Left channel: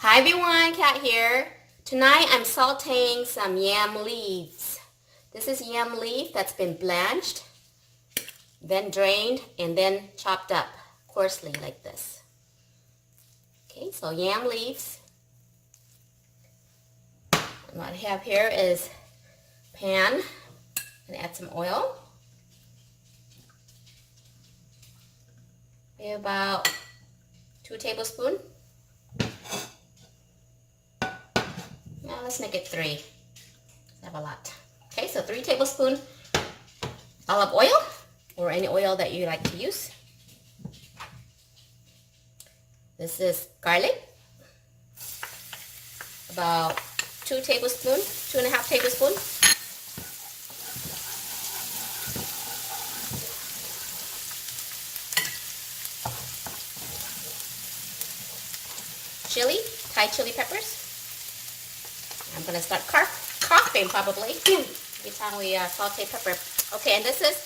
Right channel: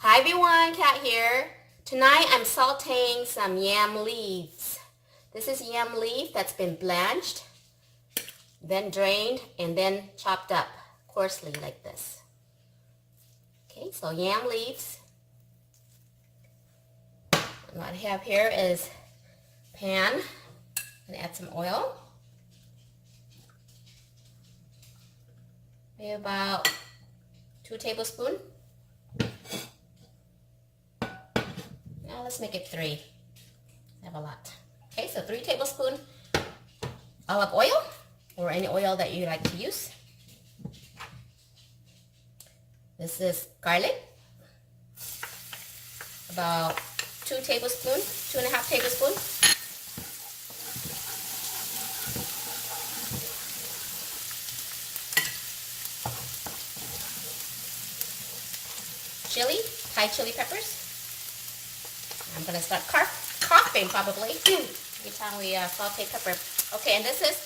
Hi everyone, Kat here. Tonight I'm sauteing some yam leaves. This is yam leaf that's been blanched, then drained, and then chopped up coarsely like this. Okay, so yam leaves. What I have here is pan, and add some oil. Maybe about 2 tablespoons. Now let's make it 3. I have a lot. Okay, so 3 tablespoons olive oil, or any oil that you like to use. This is garlic, about 2 tablespoons, 2.5 tablespoons. Chili, Thai chili peppers. I'm gonna start coughing probably every time we saute pepper. Okay, and this is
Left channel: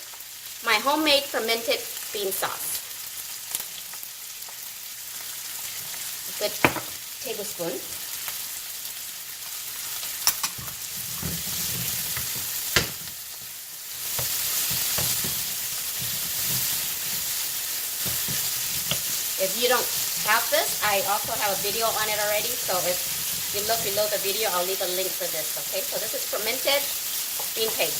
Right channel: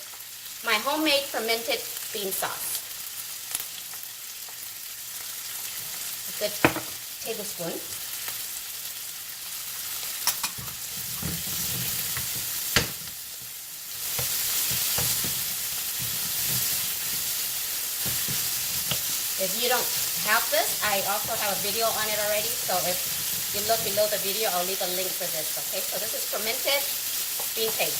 my homemade fermented bean sauce. A good tablespoon. If you don't have this, I also have a video on it already, so if you look below the video, I'll leave a link for this, okay? So this is fermented bean paste.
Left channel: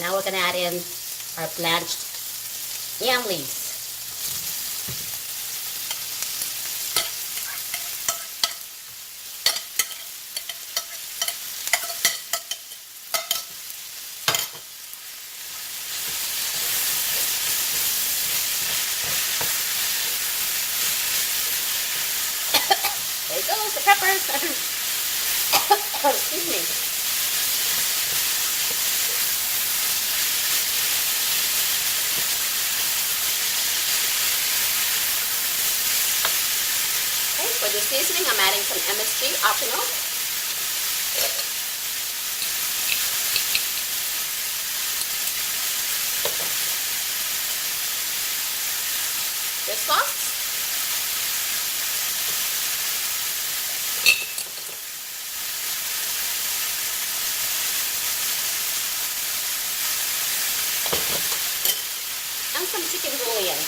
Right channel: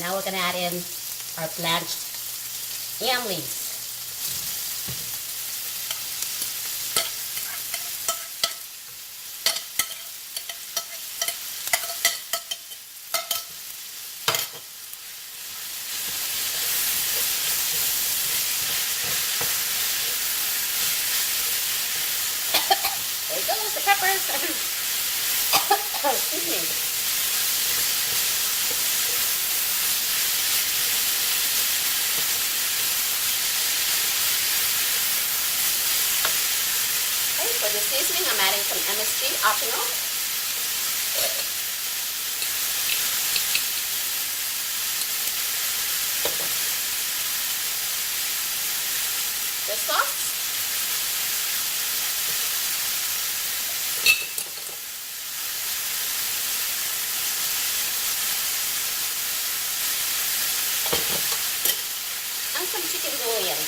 Now we're gonna add in our blanched yam leaves. There goes the peppers. Excuse me. Okay, for the seasoning, I'm adding some MSG, optional. This sauce. And some chicken bouillon.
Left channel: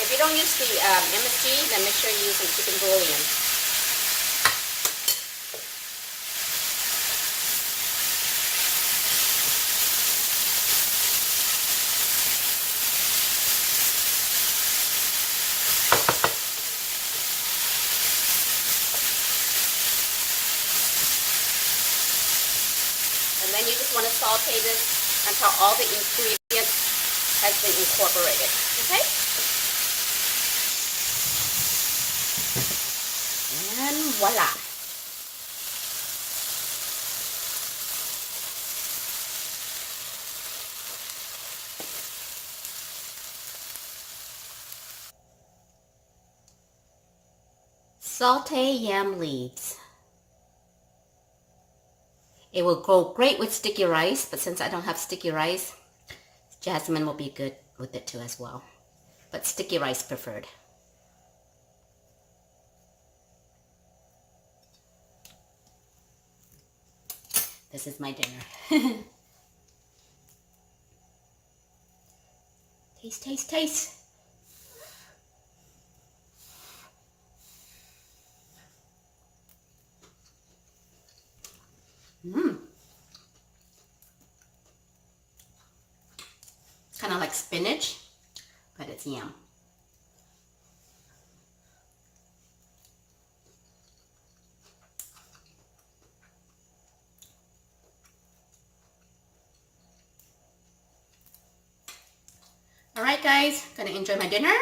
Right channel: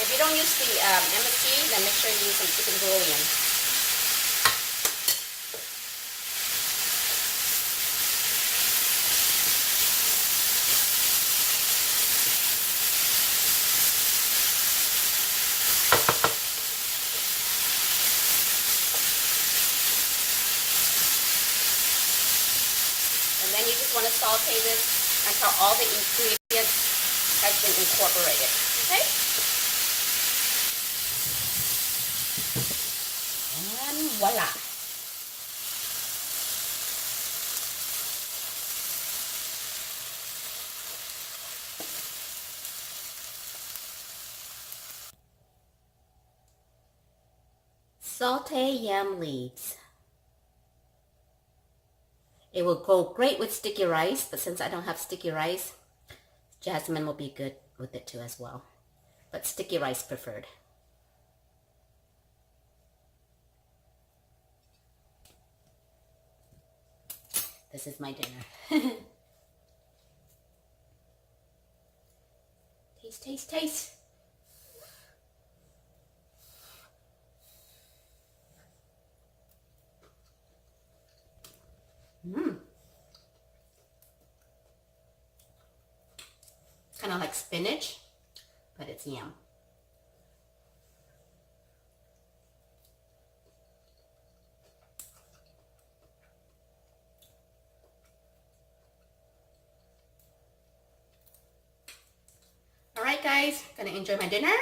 If you don't use the MSG, then make sure you use some chicken bouillon. And then you just want to saute this until all the ingredients has been incorporated. Okay? And voila. Saute yam leaves. It will go great with sticky rice, but since I don't have sticky rice, jasmine will be good with it too as well. But sticky rice preferred. This is my dinner. Taste, taste, taste. Kind of like spinach, but it's yam. Alright guys, gonna enjoy my dinner.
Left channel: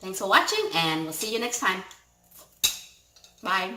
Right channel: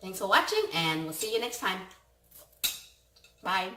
Thanks for watching, and we'll see you next time. Bye.